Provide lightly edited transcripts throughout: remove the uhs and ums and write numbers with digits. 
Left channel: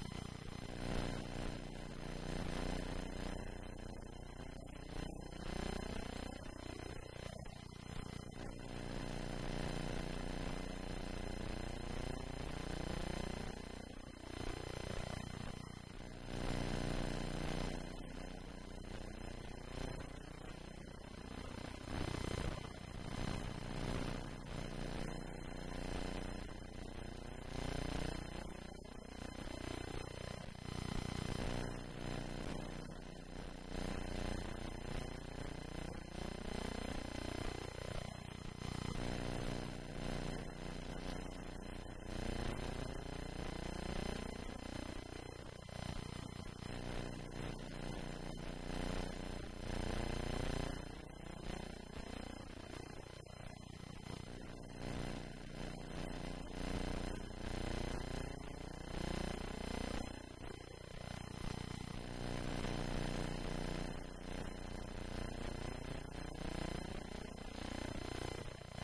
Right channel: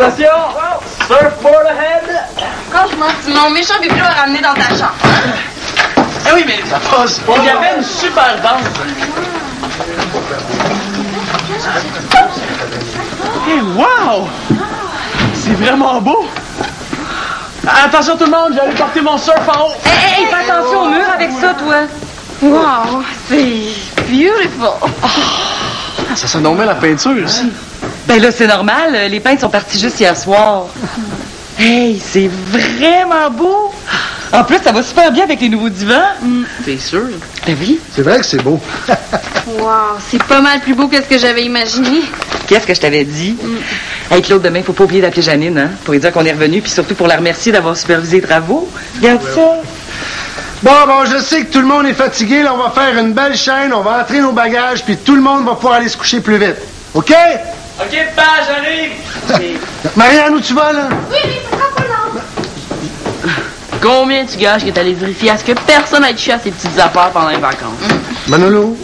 Attention! Surfboard ahead! Franchement, tu mon méchant bibelot à ramener dans ta chambre. Eh oui, mais ça passe pas. Il y avait une super danse. Hey, wow! C'est vraiment beau! Attention tout le monde, j'allais porter mon surf en haut. Hey, fais attention au mur avec ça, toi. Wow, c'est beautiful. Ah, ça sonne donc bien la peinture aussi. Ben là, c'est normal. Les peintres sont partis juste hier soir. Hey, c'est vraiment beau. En plus, ça va super bien avec les nouveaux divans. T'es sûr? Ben oui. C'est vrai que c'est beau. Wow, c'est pas mal plus beau que ce que j'avais imaginé. Qu'est-ce que je t'avais dit? Hey, Claude, demain, faut pas oublier d'appeler Janine, hein? Pour lui dire qu'on est revenu, puis surtout pour la remercier d'avoir supervisé les travaux. Regarde ça. Bon, je sais que tout le monde est fatigué. Là, on va faire une belle chaîne, on va entrer nos bagages, puis tout le monde va pouvoir aller se coucher plus vite. OK? OK, papa, j'arrive. Marianne, où tu vas, là? Oui, ça sera pas long. Combien tu gages que t'allais vérifier à ce que personne n'ait touché à ses petites affaires pendant les vacances? Manolo?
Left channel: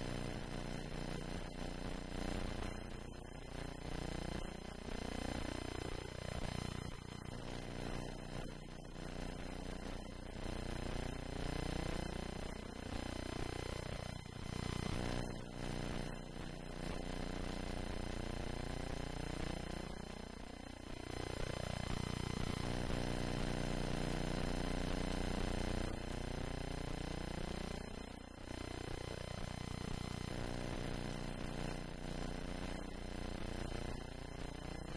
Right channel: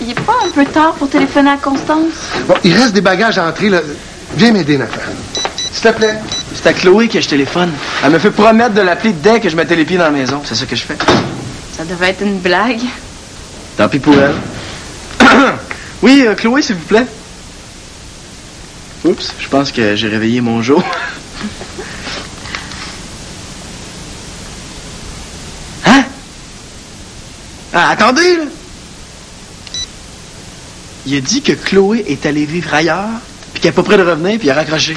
Il est pas un peu tard pour téléphoner à Constance? Bon, il reste des bagages à entrer, là. Viens m'aider, Nathan. S'il te plaît. C'est à Chloé que je téléphone. Elle me fait promettre de l'appeler dès que je mettais les pieds dans la maison. C'est ça que je fais. Ça devait être une blague. Tant pis pour elle. Oui, Chloé, s'il vous plaît. Oups, je pense que j'ai réveillé mon Joe. Hein? Ah, attendez, là! Il a dit que Chloé est allée vivre ailleurs, puis qu'elle est pas près de revenir, puis il a raccroché.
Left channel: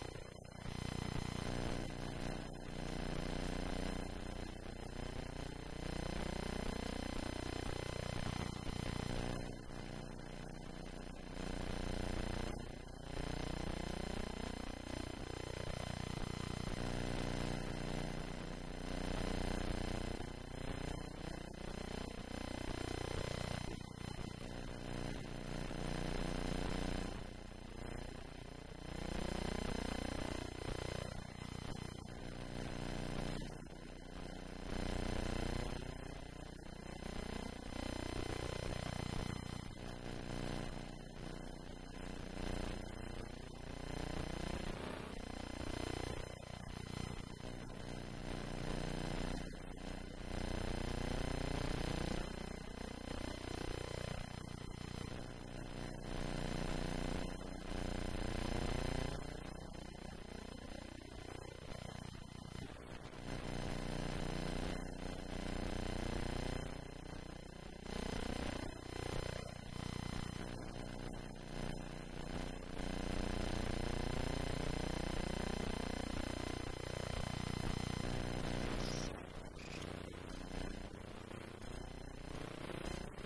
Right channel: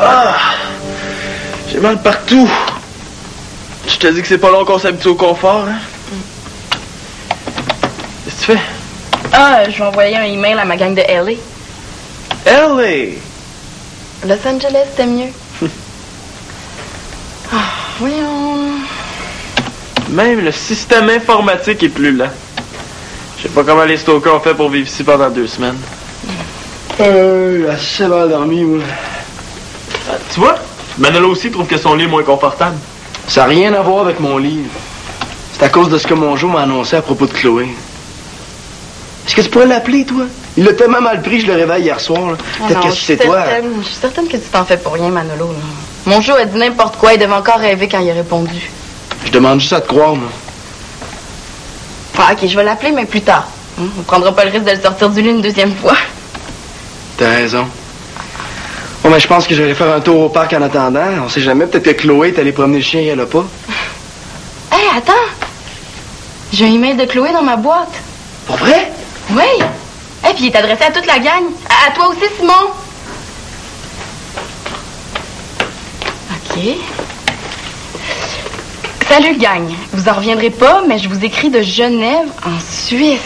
Ah! J'ai mal partout. Je te dis que c'est pas long qu'on s'habitue au confort, hein? Qu'est-ce que tu fais? Ah, je vais envoyer un email à ma gang de LA. LA! Los Angeles, c'était mieux. Voyons. Même le système informatique est plus lent. Je sais pas comment les stalkers ont fait pour vivre ici pendant 2 semaines. Assez mal dormi, moi. Tu vois? Manolo aussi trouve que son lit est moins confortable. Ça n'a rien à voir avec mon lit. C'est à cause de ce que mon Joe m'a annoncé à propos de Chloé. Est-ce que tu pourrais l'appeler, toi? Il l'a tellement mal pris, je le réveille hier soir. Là. Peut-être que c'est toi. Je suis certaine que tu t'en fais pour rien, Manolo. Là. Mon Joe a dit n'importe quoi. Il devait encore rêver quand il a répondu. Je demande juste à te croire, moi. Ah, OK, je vais l'appeler, mais plus tard. On prendra pas le risque de le sortir du lit une deuxième fois. T'as raison. Bon, mais je pense que je vais aller faire un tour au parc en attendant. On sait jamais, peut-être que Chloé est allée promener le chien et elle a pas. Hey, attends! J'ai un email de Chloé dans ma boîte. Pour vrai? Oui! Et puis il est adressé à toute la gang. À toi aussi, Simon. OK. Salut, gang. Vous en reviendrez pas, mais je vous écris de Genève, en Suisse.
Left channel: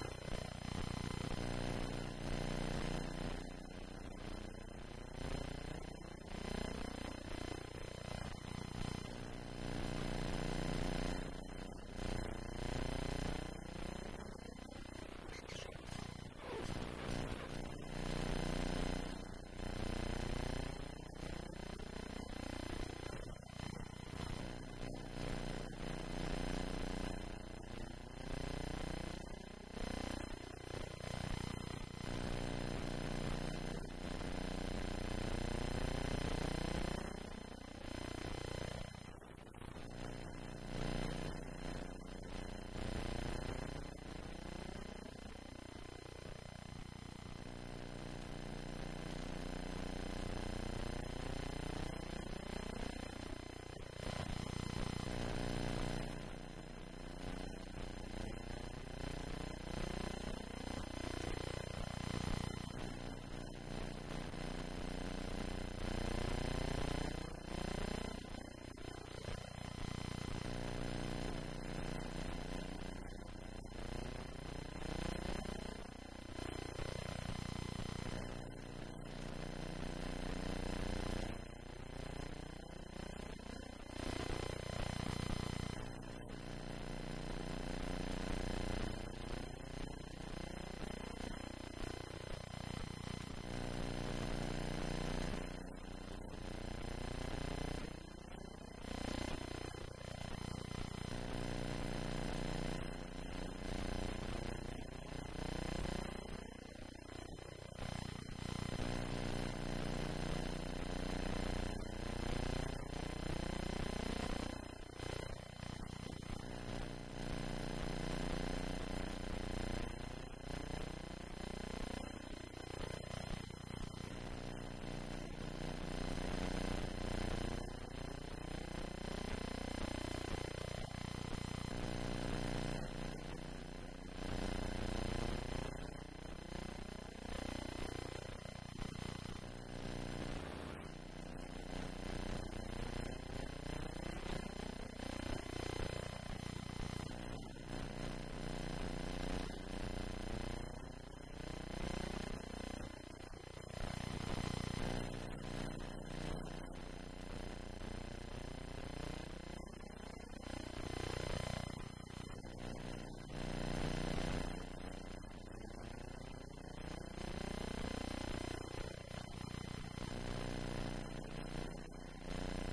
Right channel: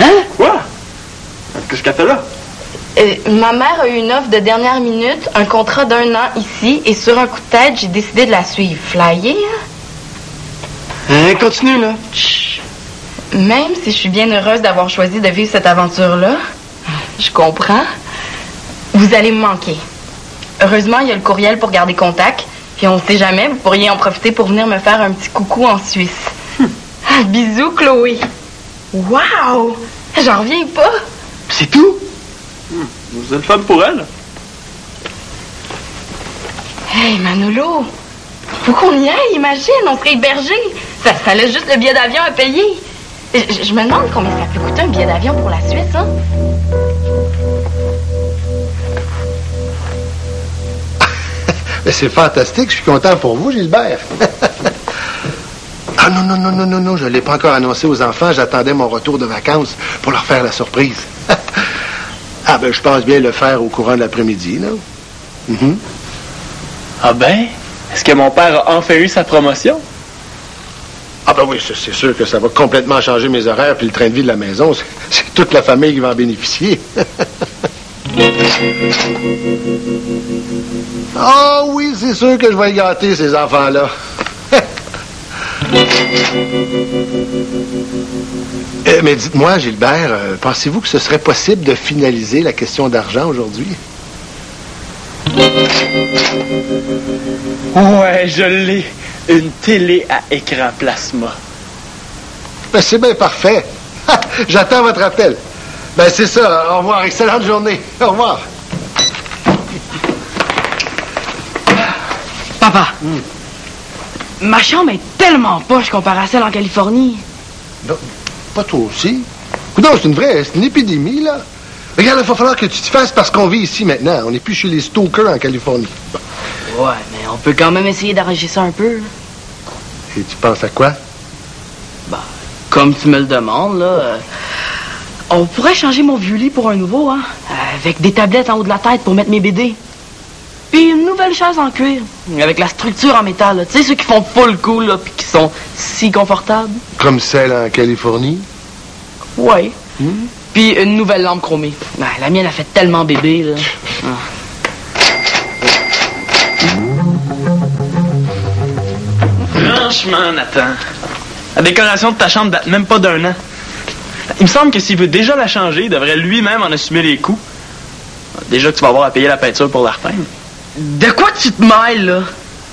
Hein? Quoi? Qu'est-ce qu'elle fait là? Ma mère a eu une offre de dernière minute, un contrat d'1 an ici, et sur un coup de tête, j'ai décidé de la suivre. Flyer, hein? Continue, là. Chut. Même si je suis bien heureuse d'avoir choisi de vivre cette aventure-là, je comprends, vous allez me manquer. Heureusement, il y a le courriel pour garder contact, puis on sait jamais, vous pourriez en profiter pour venir me faire un petit coucou en Suisse. Bisous, Chloé. Wow! J'en reviens pas. C'est tout? Vous êtes femme pour elle? Hey, Manolo! Faut qu'on y aille, imagine, on serait hébergés. Ça laisse juste le billet d'avion à payer. Je me demande combien ça peut coûter un billet d'avion pour la Suisse, hein? Mais c'est fantastique, je suis content pour vous, Gilbert. Ah non, je ne l'ai pas encore annoncé aux enfants. J'attendais mon retour de vacances pour leur faire la surprise. Ah ben, je pense bien le faire au courant de l'après-midi, là. Mm-hmm. Ah ben? Est-ce que mon père a enfin eu sa promotion? Ah ben oui, c'est sûr que ça va complètement changer mes horaires puis le train de vie de la maison. C'est toute la famille qui va en bénéficier. Ah oui, c'est sûr que je vais y gâter, ces enfants-là. Mais dites-moi, Gilbert, pensez-vous que ce serait possible de finaliser la question d'argent aujourd'hui? Ouais, je l'ai. Une télé à écran plasma. Ben, c'est bien parfait. J'attends votre appel. Ben, c'est ça. Au revoir. Excellente journée. Au revoir. Papa, ma chambre est tellement poche comparée à celle en Californie. Non, pas toi aussi. Non, c'est une épidémie, là. Regarde, il va falloir que tu te fasses parce qu'on vit ici maintenant. On n'est plus chez les stalkers en Californie. Ouais, mais on peut quand même essayer d'arranger ça un peu. Et tu penses à quoi? Bah, comme tu me le demandes, là, on pourrait changer mon vieux lit pour un nouveau, hein? Avec des tablettes en haut de la tête pour mettre mes BD. Puis une nouvelle chaise en cuir, avec la structure en métal, là. Tu sais, ceux qui font full cool, là, puis qui sont si confortables. Comme celle en Californie? Ouais. Puis une nouvelle lampe chromée. Ah, la mienne a fait tellement bébé, là. Franchement, Nathan, la décoration de ta chambre date même pas d'1 an. Il me semble que s'il veut déjà la changer, il devrait lui-même en assumer les coûts. Déjà que tu vas avoir à payer la peinture pour la repeindre. De quoi tu te mêles, là?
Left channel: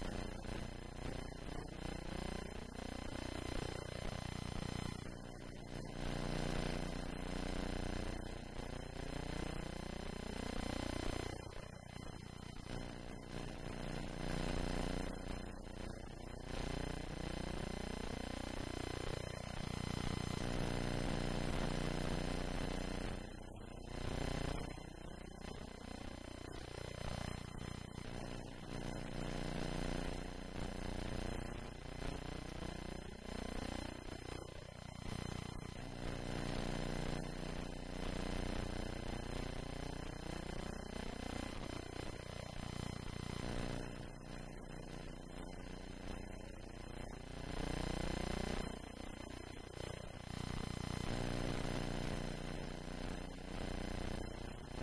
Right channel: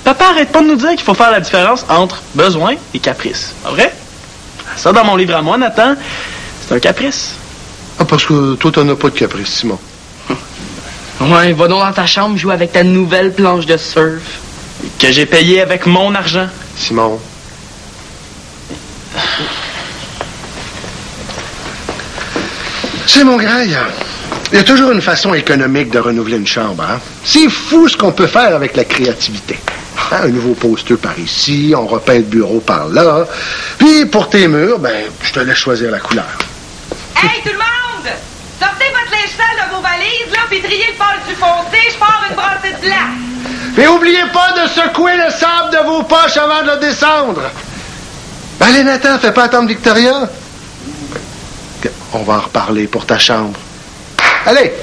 Papa arrête pas de nous dire qu'il faut faire la différence entre besoin et caprice. Pas vrai? Ça, dans mon livre à moi, Nathan, c'est un caprice. Ah, parce que toi, t'en as pas de caprice, Simon. Ouais, va donc dans ta chambre jouer avec ta nouvelle planche de surf. Que j'ai payé avec mon argent. Simon. C'est mon graille. Il y a toujours une façon économique de renouveler une chambre, hein? C'est fou ce qu'on peut faire avec la créativité. Hein, un nouveau poster par ici, on repeint le bureau par là. Puis pour tes murs, ben, je te laisse choisir la couleur. Hey, tout le monde! Sortez votre linge sale de vos valises, là, puis triez le pâle du foncé, je pars une brassée de blanc. Et oubliez pas de secouer le sable de vos poches avant de le descendre. Ben, allez, Nathan, fais pas attendre Victoria. On va en reparler pour ta chambre. Allez!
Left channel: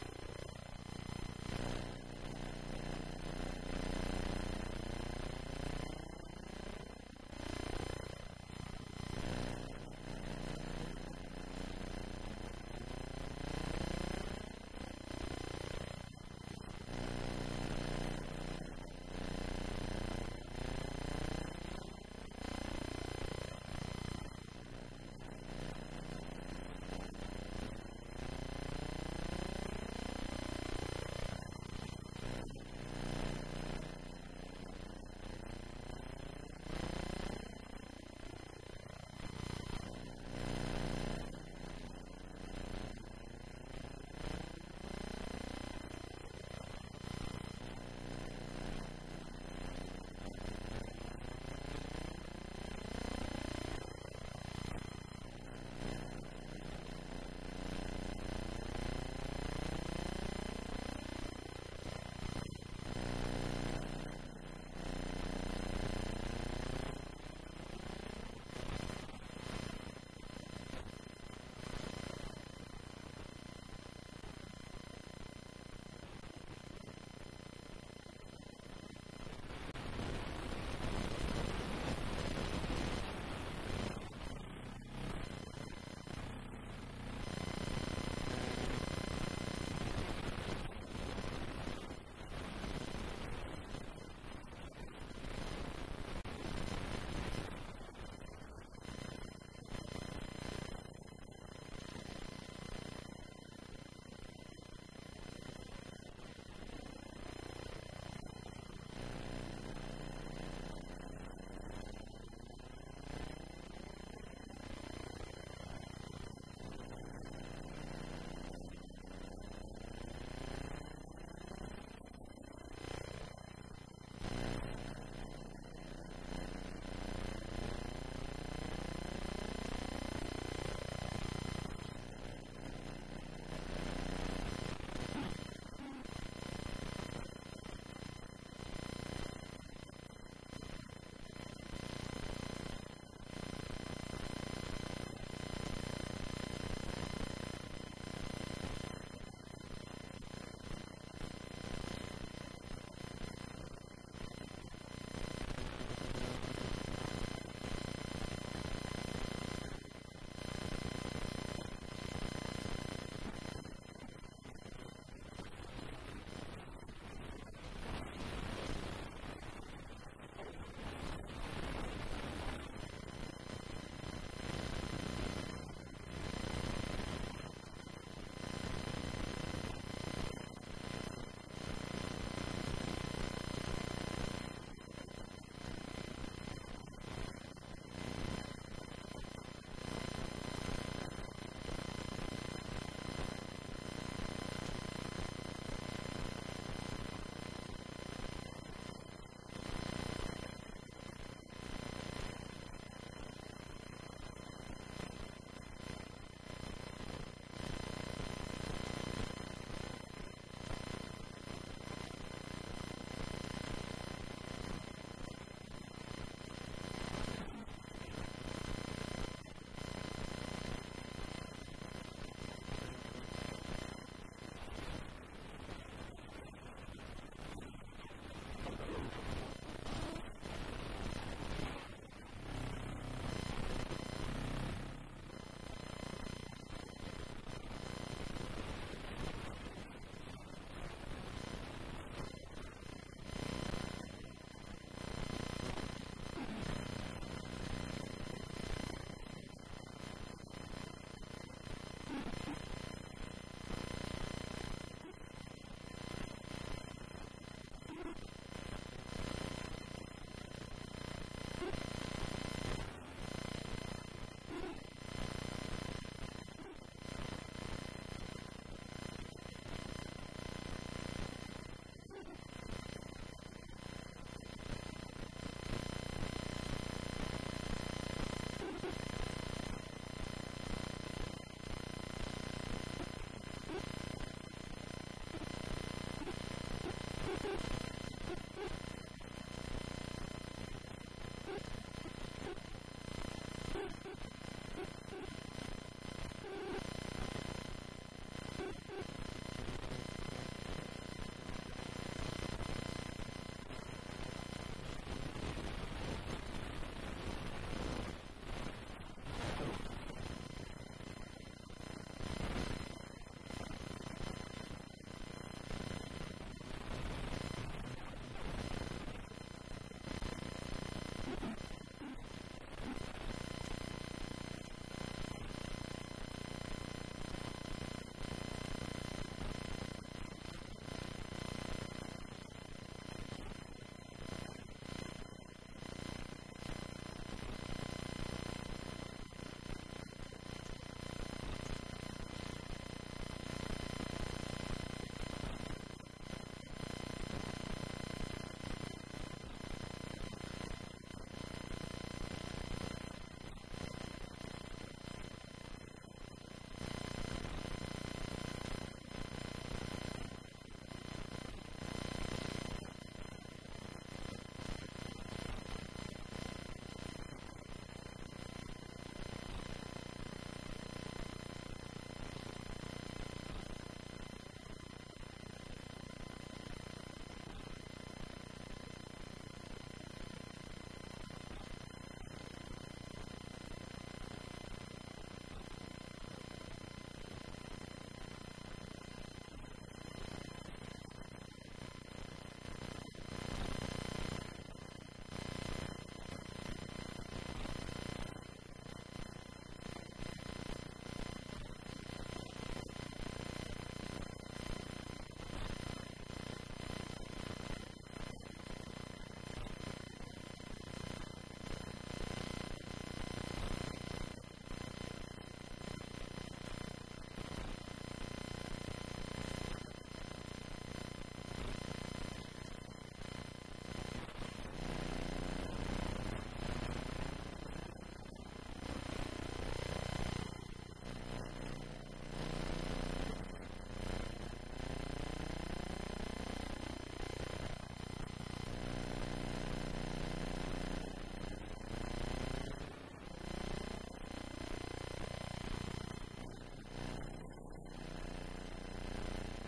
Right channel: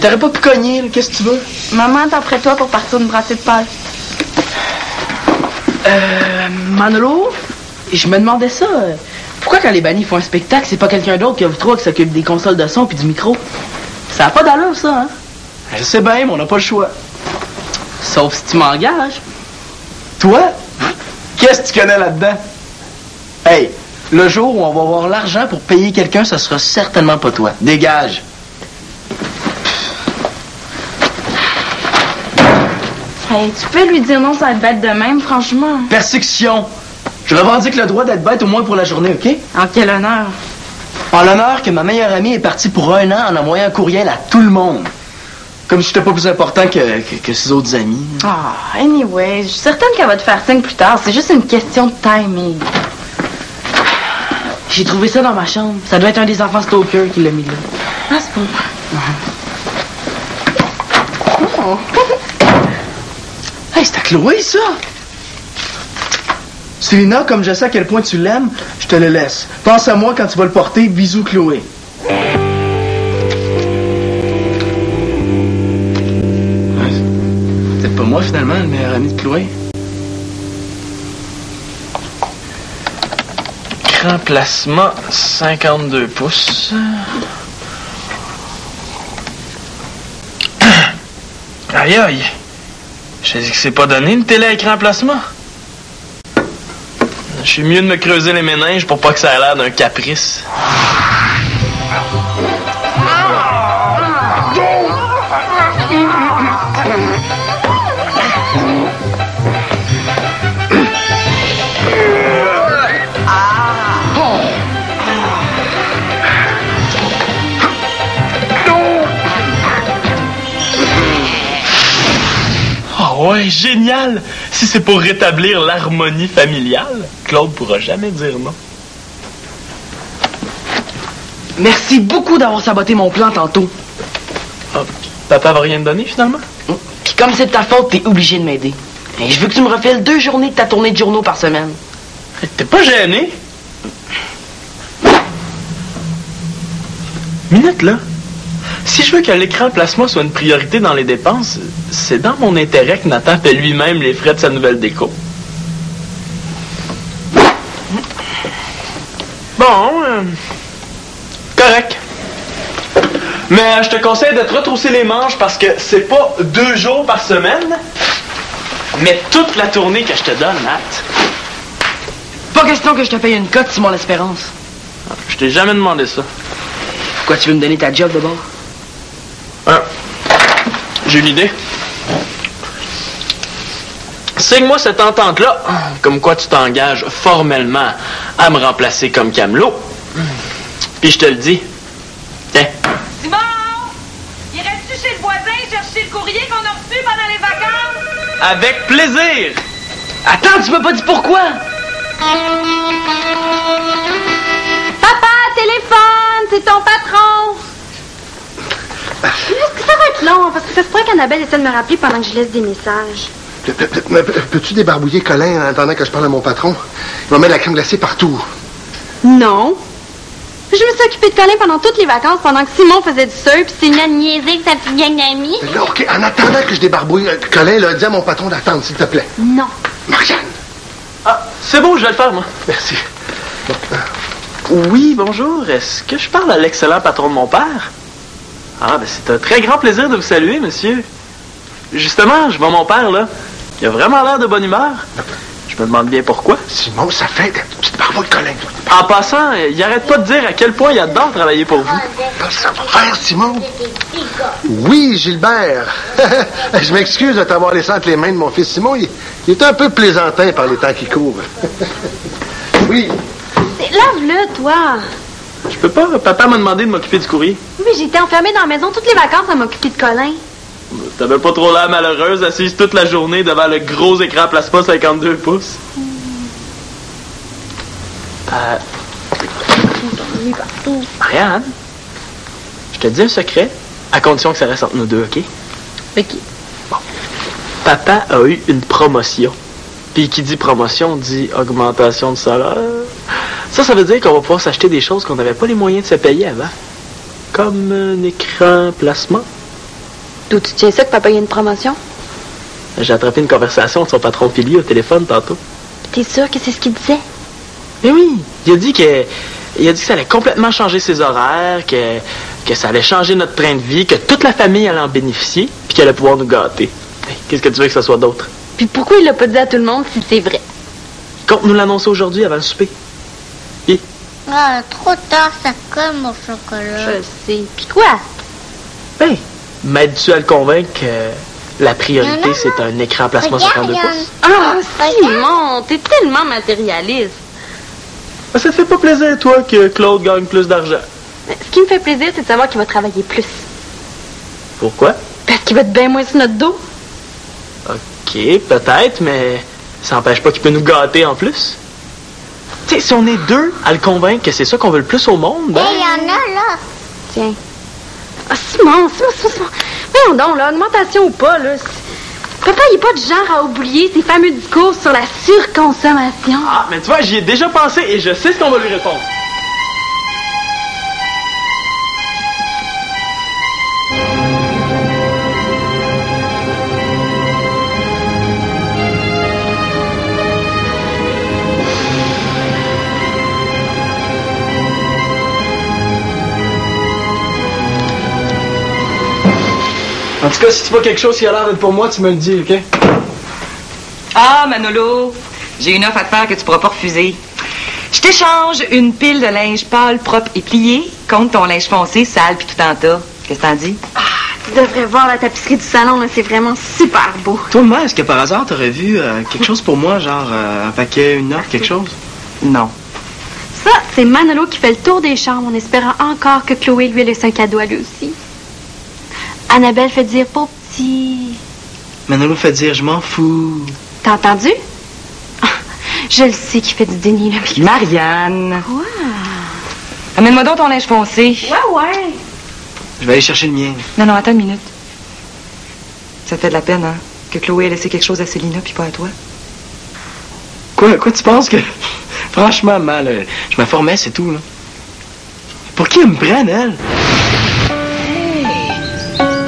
T'aurais pas pu cogner, là, qu'est-ce que tu veux? Maman, t'en prête toi pour partir une brassée de pâle. Manolo, je me demandais ça. Pourquoi quand les bannis font un spectacle, c'est pas quelqu'un d'autre que vous trois qui s'occupe des consoles de son puis du micro? Ça a pas d'allure, ça, hein? Je sais bien, mais on n'a pas le choix. Sauf si tu m'engages. Toi? Qu'est-ce que tu connais là-dedans? Hey, le jour où on va avoir l'argent pour payer quelqu'un, ça sera certainement pas toi. Dégage. Hey, tu peux lui dire non, ça va être bête de même, franchement. Persécution. Je revendique le droit d'être bête au moins pour la journée, OK? En quel honneur. En l'honneur que ma meilleure amie est partie pour 1 an en envoyant un courriel à tout le monde. Comme si j'étais pas plus important que ses autres amis. Ah, anyway, je suis certaine qu'elle va te faire signe plus tard. C'est juste une question de timing. J'ai trouvé ça dans ma chambre. Ça doit être un des enfants stalker qui l'a mis là. Ah, c'est pour moi. Oh. Hey, c'est à Chloé, ça! Célina, comme je sais à quel point tu l'aimes, je te le laisse. Pense à moi quand tu vas le porter. Bisous, Chloé. C'est pas moi, finalement, le meilleur ami de Chloé. Écran plasma, 52 pouces. Aïe, aïe. Je dis que c'est pas donné une télé à écran plasma. Je suis mieux de me creuser les méninges pour pas que ça ait l'air d'un caprice. Ouais, génial! Si c'est pour rétablir l'harmonie familiale, Claude pourra jamais dire non. Merci beaucoup d'avoir saboté mon plan tantôt. Ah, papa va rien te donner, finalement? Puis comme c'est de ta faute, t'es obligé de m'aider. Et je veux que tu me refiles 2 journées de ta tournée de journaux par semaine. T'es pas gêné? Minute, là. Si je veux que l'écran plasma soit une priorité dans les dépenses, c'est dans mon intérêt que Nathan paie lui-même les frais de sa nouvelle déco. Bon, Correct. Mais je te conseille de te retrousser les manches parce que c'est pas 2 jours par semaine, mais toute la tournée que je te donne, Nat. Pas question que je te paye une cote, Simon L'Espérance. Je t'ai jamais demandé ça. Pourquoi tu veux me donner ta job de bord? J'ai une idée. Signe-moi cette entente-là, comme quoi tu t'engages formellement à me remplacer comme camelot. Puis je te le dis. Tiens. Simon! Irais-tu chez le voisin chercher le courrier qu'on a reçu pendant les vacances? Avec plaisir! Attends, tu m'as pas dit pourquoi? Papa, téléphone, c'est ton patron. Est-ce que ça va être long? Parce que ça se pourrait qu'Annabelle essaie de me rappeler pendant que je laisse des messages. Peux-tu débarbouiller Colin en attendant que je parle à mon patron? Il va mettre la crème glacée partout. Non. Je me suis occupée de Colin pendant toutes les vacances, pendant que Simon faisait du surf, puis c'est une niaiserie que sa petite gang d'amis. Là, OK, en attendant que je débarbouille Colin, là, dis à mon patron d'attendre, s'il te plaît. Non. Marianne! Ah, c'est bon, je vais le faire, moi. Merci. Oui, bonjour. Est-ce que je parle à l'excellent patron de mon père? Ah, ben c'est un très grand plaisir de vous saluer, monsieur. Justement, je vois mon père, là. Il a vraiment l'air de bonne humeur. Je me demande bien pourquoi. Simon, ça fait une petite barbouille Colin. En passant, il arrête pas de dire à quel point il adore travailler pour vous. Son frère, Simon? Oui, Gilbert. Je m'excuse de t'avoir laissé entre les mains de mon fils Simon. Il est un peu plaisantin par les temps qui courent. Oui. Lave-le, toi. Je peux pas. Papa m'a demandé de m'occuper du courrier. Oui, j'étais enfermée dans la maison toutes les vacances à m'occuper de Colin. T'avais pas trop l'air malheureuse, assise toute la journée devant le gros écran plasma 52 pouces. Marianne, je te dis un secret, à condition que ça reste entre nous deux, OK? OK. Bon. Papa a eu une promotion. Puis qui dit promotion, dit augmentation de salaire. Ça veut dire qu'on va pouvoir s'acheter des choses qu'on n'avait pas les moyens de se payer avant. Comme un écran plasma. D'où tu tiens ça que papa a une promotion? J'ai attrapé une conversation de son patron Philly au téléphone tantôt. T'es sûr que c'est ce qu'il disait? Mais oui, il a dit que ça allait complètement changer ses horaires, que ça allait changer notre train de vie, que toute la famille allait en bénéficier, puis qu'elle allait pouvoir nous gâter. Qu'est-ce que tu veux que ce soit d'autre? Puis pourquoi il l'a pas dit à tout le monde si c'est vrai? Compte nous l'annoncer aujourd'hui avant le souper. Et? Ah, trop tard, ça colle mon chocolat. Je sais. Puis quoi? Ben, m'aides-tu à le convaincre que la priorité, c'est un écran plasma 52 pouces? Ah, Simon, t'es tellement matérialiste. Ben, ça te fait pas plaisir, toi, que Claude gagne plus d'argent? Ce qui me fait plaisir, c'est de savoir qu'il va travailler plus. Pourquoi? Parce qu'il va être bien moins sur notre dos. OK, peut-être, mais ça n'empêche pas qu'il peut nous gâter en plus. Tu sais, si on est deux à le convaincre que c'est ça qu'on veut le plus au monde, ben... Il y en a là. Tiens. Ah, Simon. Voyons donc, là, augmentation ou pas, là. Papa, il est pas du genre à oublier ses fameux discours sur la surconsommation. Ah, mais tu vois, j'y ai déjà pensé et je sais ce qu'on va lui répondre. En tout cas, si tu vois quelque chose qui a l'air d'être pour moi, tu me le dis, OK? Ah, Manolo, j'ai une offre à te faire que tu pourras pas refuser. Je t'échange une pile de linge pâle, propre et plié contre ton linge foncé, sale puis tout en tas. Qu'est-ce que t'en dis? Ah, tu devrais voir la tapisserie du salon, là. C'est vraiment super beau. Toi, Maman, est-ce que par hasard, t'aurais vu quelque chose pour moi, genre un paquet, une offre, quelque chose? Non. Ça, c'est Manolo qui fait le tour des chambres en espérant encore que Chloé lui laisse un cadeau à lui aussi. Annabelle fait dire pour petit. Manolo fait dire je m'en fous. T'as entendu? Je le sais qu'il fait du déni, là. Marianne. Quoi? Amène-moi donc ton linge foncé. Ouais. Je vais aller chercher le mien. Non, attends une minute. Ça te fait de la peine, hein? Que Chloé ait laissé quelque chose à Célina puis pas à toi. Quoi tu penses que... Franchement, mal, je me formais, c'est tout, là. Pour qui elle me prenne, elle?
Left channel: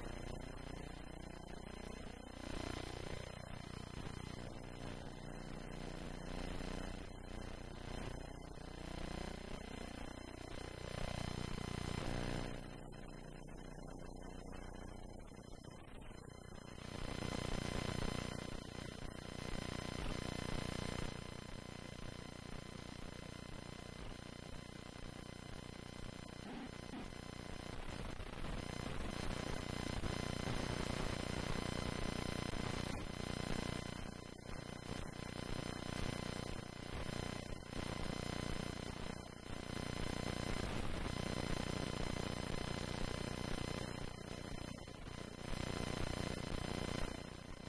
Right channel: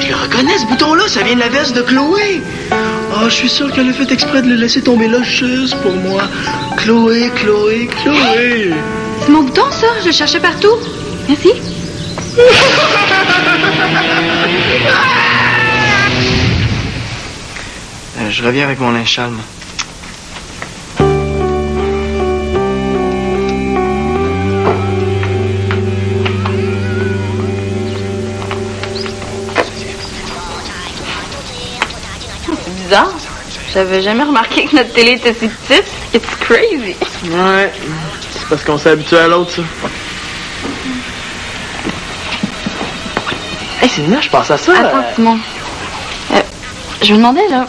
Je le reconnais, ce bouton-là, ça vient de la veste de Chloé. Ah, je suis sûr qu'elle a fait exprès de le laisser tomber là juste pour moi. Chloé. C'est mon bouton, ça. Je le cherchais partout. Merci. Je reviens avec mon linge sale, moi. C'est bizarre. J'avais jamais remarqué que notre télé était si petite. It's crazy. Ouais. C'est parce qu'on s'est habitué à l'autre, ça. Hey, Célina, je pense à ça. Attends, Simon. Je me demandais, là,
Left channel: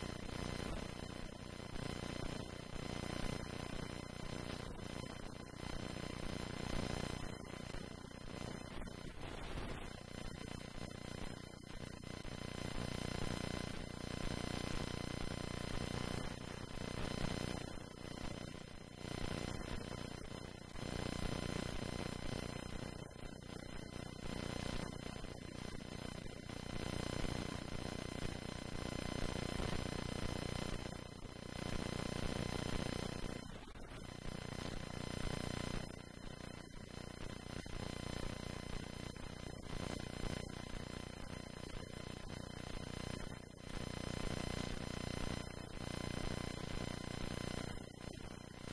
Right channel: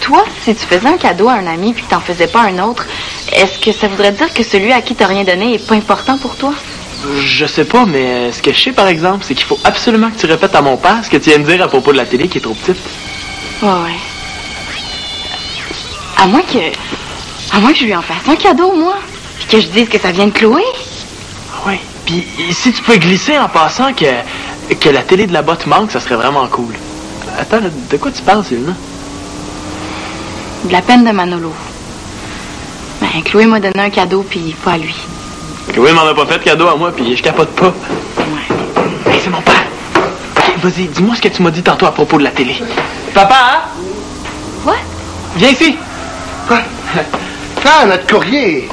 toi, si tu faisais un cadeau à un ami puis que t'en faisais pas un autre, est-ce que ça voudrait dire que celui à qui t'as rien donné est pas important pour toi? Je sais pas, mais ce que je sais, par exemple, c'est qu'il faut absolument que tu répètes à mon père ce que tu viens de dire à propos de la télé qui est trop petite. Ouais. À moins que je lui en fasse un cadeau, moi, puis que je dise que ça vient de Chloé. Oui. Puis si tu peux glisser en passant que la télé de la botte manque, ça serait vraiment cool. Attends, là, de quoi tu parles, Célina? De la peine de Manolo. Ben, Chloé m'a donné un cadeau, puis pas à lui. Chloé m'en a pas fait de cadeau à moi, puis je capote pas. Ouais. Hey, c'est mon père. OK, vas-y, dis-moi ce que tu m'as dit tantôt à propos de la télé. Papa, hein? Quoi? Viens ici. Quoi? Ah, notre courrier.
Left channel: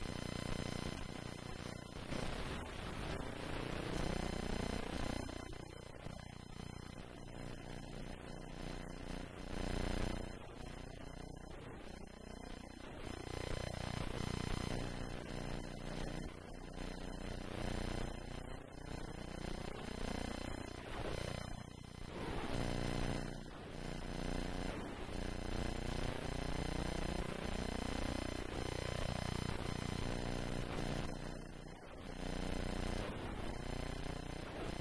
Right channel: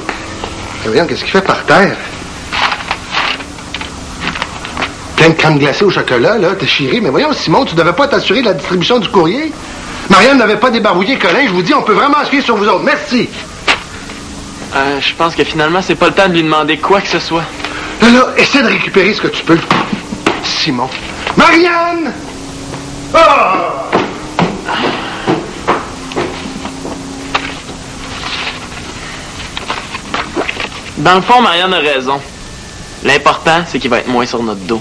Voyons, qu'est-ce qu'il fait par terre? Plein de crème glacée au chocolat, là, t'es chiré. Mais voyons, Simon, tu devais pas t'assurer de la distribution du courrier? Marianne n'avait pas débarbouillé Colin, je vous dis, on peut vraiment se fier sur vous autres. Merci. Je pense que finalement, c'est pas le temps de lui demander quoi que ce soit. Là, essaie de récupérer ce que tu peux. Simon. Marianne! Oh! Dans le fond, Marianne a raison. L'important, c'est qu'il va être moins sur notre dos.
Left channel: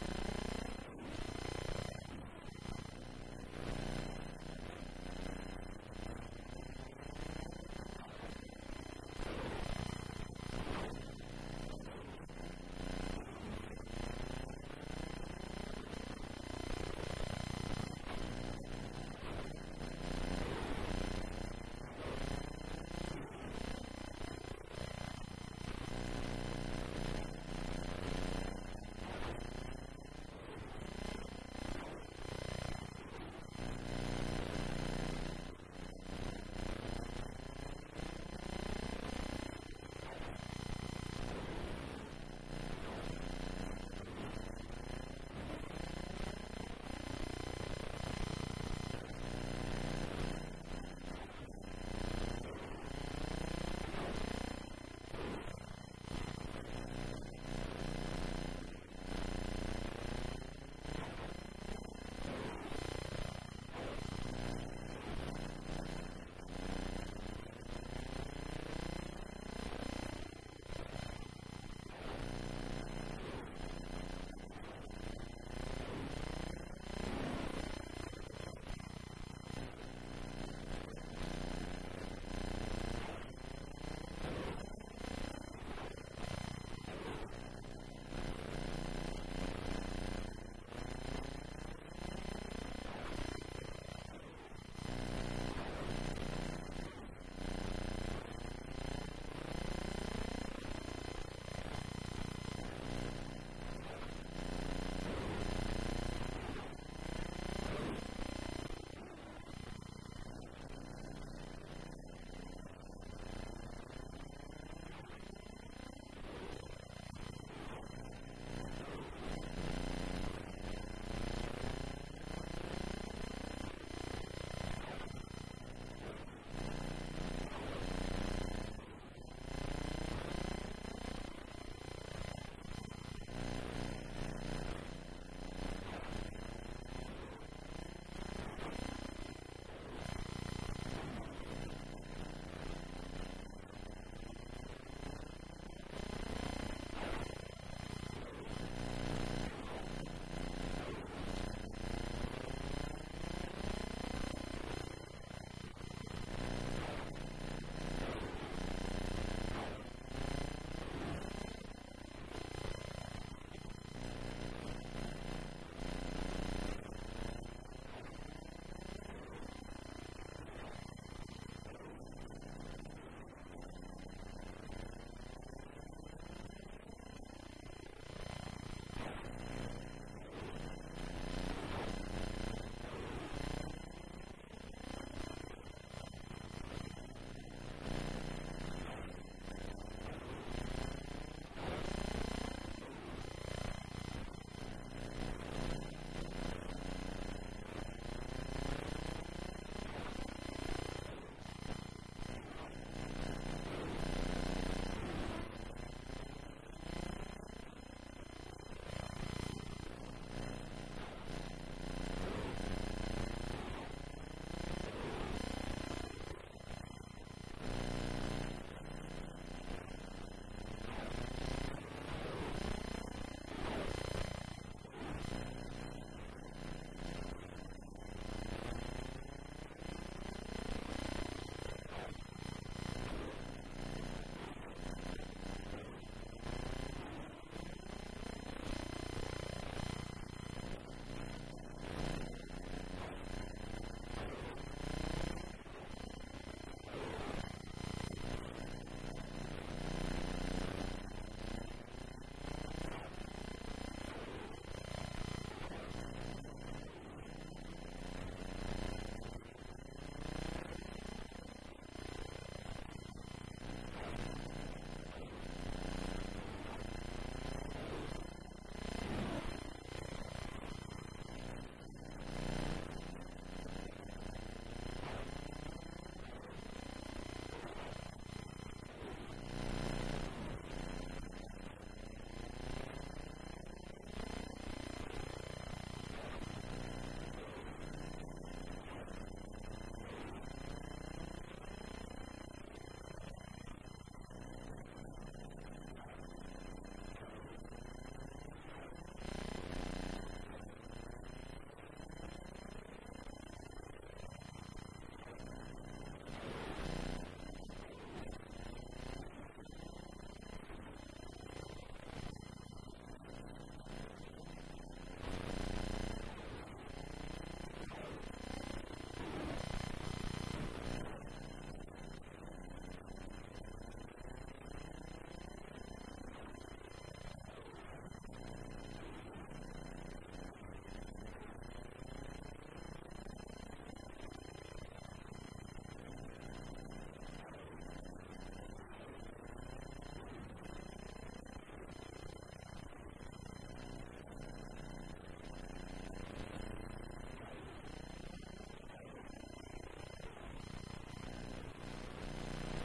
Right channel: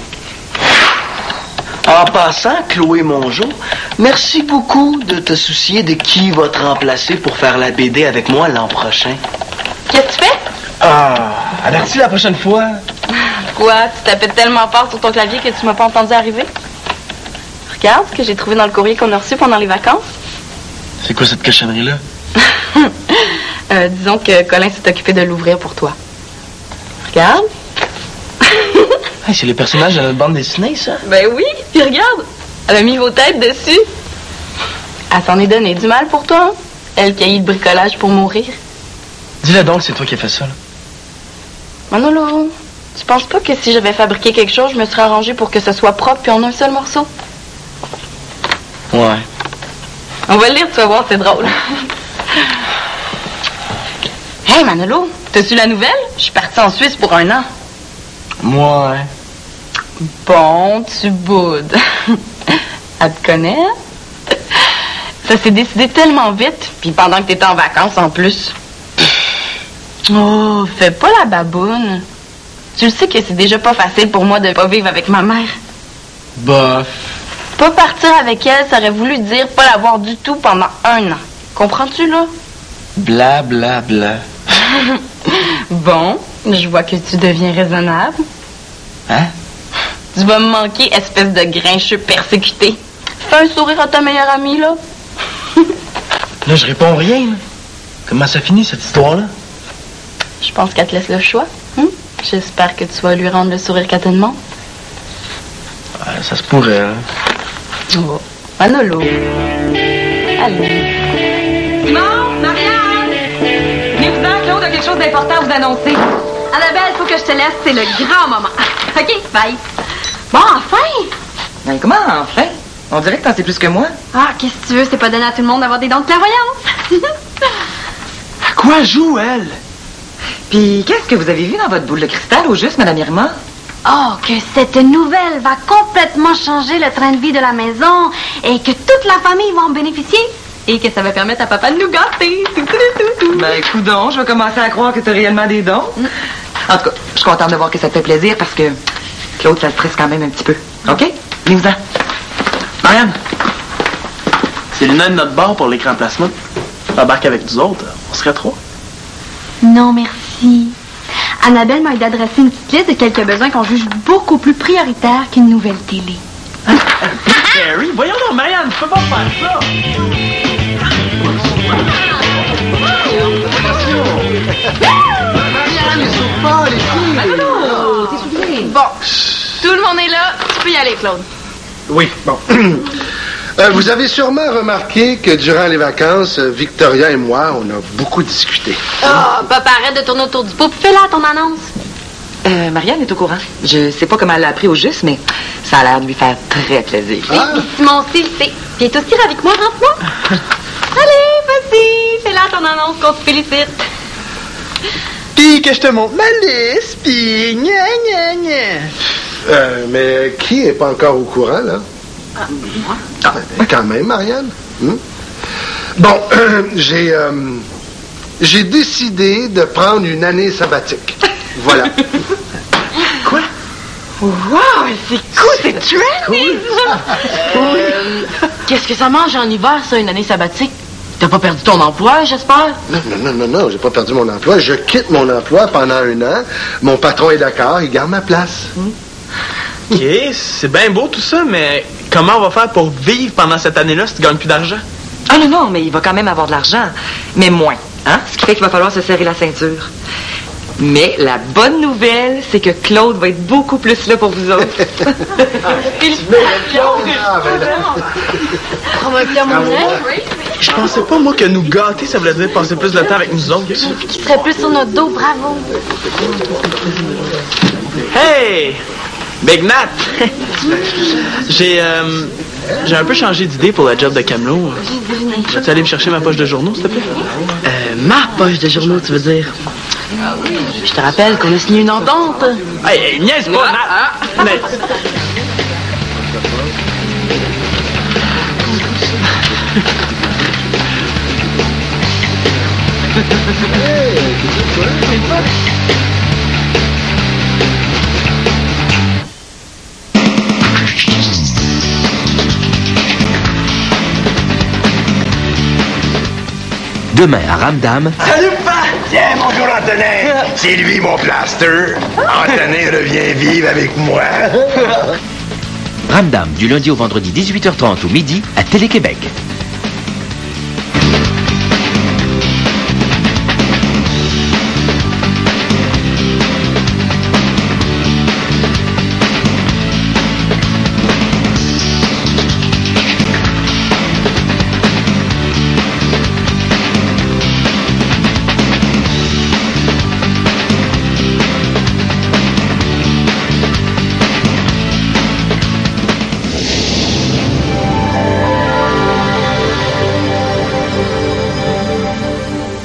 En passant, Chloé Mongeau, merci beaucoup de te soucier de qui va te remplacer pour faire la BD avec moi l'an prochain. Qu'est-ce que tu fais? Avertis la prochaine fois. Quoi? Tu tapais tellement fort sur ton clavier que tu m'as pas entendu arriver? Regarde ce que j'ai trouvé dans le courrier qu'on a reçu pendant les vacances. C'est quoi cette cochonnerie-là? Disons que Colin s'est occupé de l'ouvrir pour toi. Regarde. Hey, c'est les personnages de notre bande dessinée, ça? Ben oui, puis regarde. Elle a mis vos têtes dessus. Elle s'en est donné du mal pour toi, hein? Elle qui a eu le bricolage pour mourir. Dis-le donc, c'est toi qui as fait ça, là. Manolo, tu penses pas que si j'avais fabriqué quelque chose, je me serais arrangée pour que ce soit propre puis en un seul morceau? Ouais. On va le lire, tu vas voir, c'est drôle. Hey Manolo, t'as-tu la nouvelle? Je suis partie en Suisse pour 1 an. Ouais. Bon, tu boudes. Elle te connaît? Ça s'est décidé tellement vite, puis pendant que t'étais en vacances en plus. Oh, fais pas la baboune. Tu le sais que c'est déjà pas facile pour moi de pas vivre avec ma mère. Bof. Pas partir avec elle, ça aurait voulu dire pas la voir du tout pendant 1 an. Comprends-tu, là? Bla, bla, bla. Bon, je vois que tu deviens raisonnable. Hein? Tu vas me manquer, espèce de grincheux persécuté. Fais un sourire à ta meilleure amie, là. Là, je réponds rien, là. Comment ça finit, cette histoire-là? Je pense qu'elle te laisse le choix. J'espère que tu vas lui rendre le sourire qu'elle te demande. Ouais, ça se pourrait, hein. Oh. Manolo. Allez. Simon, Marianne! Venez-vous-en, Claude a quelque chose d'important à vous annoncer. Annabelle, faut que je te laisse, c'est le grand moment. OK, bye. Bon, enfin! Ben, comment enfin? On dirait que t'en sais plus que moi. Ah, qu'est-ce que tu veux? C'est pas donné à tout le monde d'avoir des dons de clairvoyance. À quoi joue, elle? Puis, qu'est-ce que vous avez vu dans votre boule de cristal au juste, Madame Irma? Oh, que cette nouvelle va complètement changer le train de vie de la maison et que toute la famille va en bénéficier et que ça va permettre à papa de nous gâter. Ben, coudonc, je vais commencer à croire que t'as réellement des dons. En tout cas, je suis contente de voir que ça te fait plaisir parce que Claude, ça le stresse quand même un petit peu. OK? Venez-vous-en. Marianne! C'est Luna de notre bord pour l'écran placement. Embarque avec nous autres, on serait 3. Non, merci. Annabelle m'a aidé à dresser une petite liste de quelques besoins qu'on juge beaucoup plus prioritaires qu'une nouvelle télé. Harry, voyons donc, Marianne, tu peux pas faire ça! Marianne, les souffles pas, les filles! Bon, tout Tout le monde est là. Tu peux y aller, Claude. Oui, bon. Vous avez sûrement remarqué que durant les vacances, Victoria et moi, on a beaucoup discuté. Oh, papa, arrête de tourner autour du pot. Fais-la ton annonce. Marianne est au courant. Je sais pas comment elle l'a appris au juste, mais ça a l'air de lui faire très plaisir. Oui, puis Simon aussi le sait. Puis il est aussi ravi que moi, rentre-moi. Allez, vas-y, fais-la ton annonce qu'on te félicite. Puis que je te montre ma liste, puis gna gna gna. Mais qui est pas encore au courant, là? Moi? Ah, quand même, Marianne. Bon, j'ai décidé de prendre une année sabbatique. Voilà. Quoi? Wow, c'est cool, c'est trendy! Qu'est-ce que ça mange en hiver, ça, une année sabbatique? T'as pas perdu ton emploi, j'espère? Non, j'ai pas perdu mon emploi. Je quitte mon emploi pendant 1 an. Mon patron est d'accord, il garde ma place. OK, c'est bien beau tout ça, mais comment on va faire pour vivre pendant cette année-là si tu gagnes plus d'argent? Ah non, mais il va quand même avoir de l'argent. Mais moins, hein? Ce qui fait qu'il va falloir se serrer la ceinture. Mais la bonne nouvelle, c'est que Claude va être beaucoup plus là pour vous autres. Je pensais pas, moi, que nous gâter, ça voulait dire passer plus de temps avec nous autres. Qui serait plus sur notre dos, bravo. Hey! Big Nat! J'ai un peu changé d'idée pour la job de camelot. Vas-tu aller me chercher ma poche de journaux, s'il te plaît? Ma poche de journaux, tu veux dire? Je te rappelle qu'on a signé une entente. Hey, niaise pas, Nat! Mais... Demain à Ramdam. Salut, papa! Tiens, bonjour, Antonin. C'est lui, mon plaster. Antonin revient vivre avec moi. Ramdam, du lundi au vendredi 18h30 ou midi à Télé-Québec.